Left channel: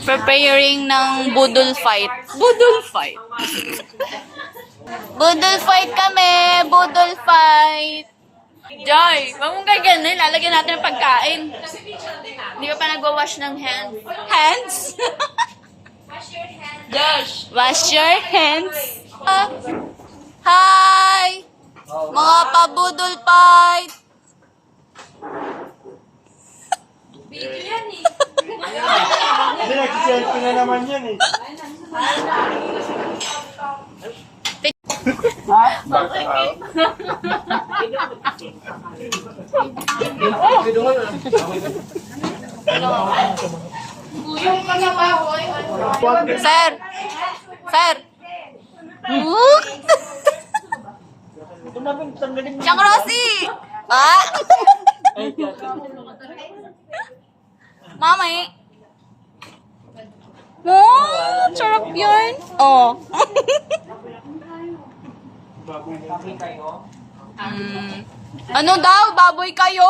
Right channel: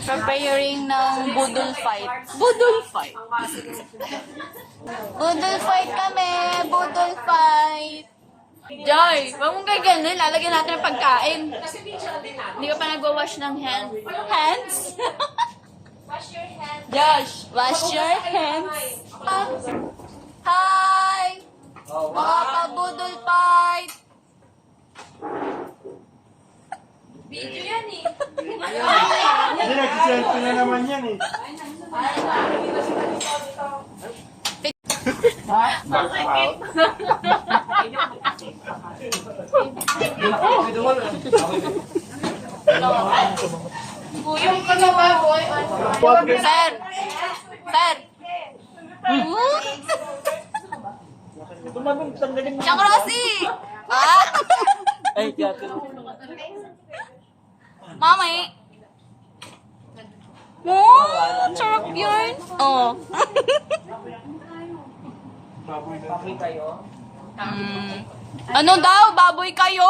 Preparing ng budol fight. Budol fight. Budol fight kami. Budol fight. Joy, wag mong gaganin. Lalagyan natin ng pagkain. Hindi ka pa nagwawash ng hands. Hands? Wash your hands. Josh, wash your hands. Hi! Mga pabudol fight. Video yan eh. Hindi, nagsiselfie na naman yan eh. Guyong ka na ba, boy? Sir! Sir! Diyan ko na kasi! Ah! Mama eh! Oh, sarap yun! Oh! Baboy kayo? Ano daw? Baboy kayo?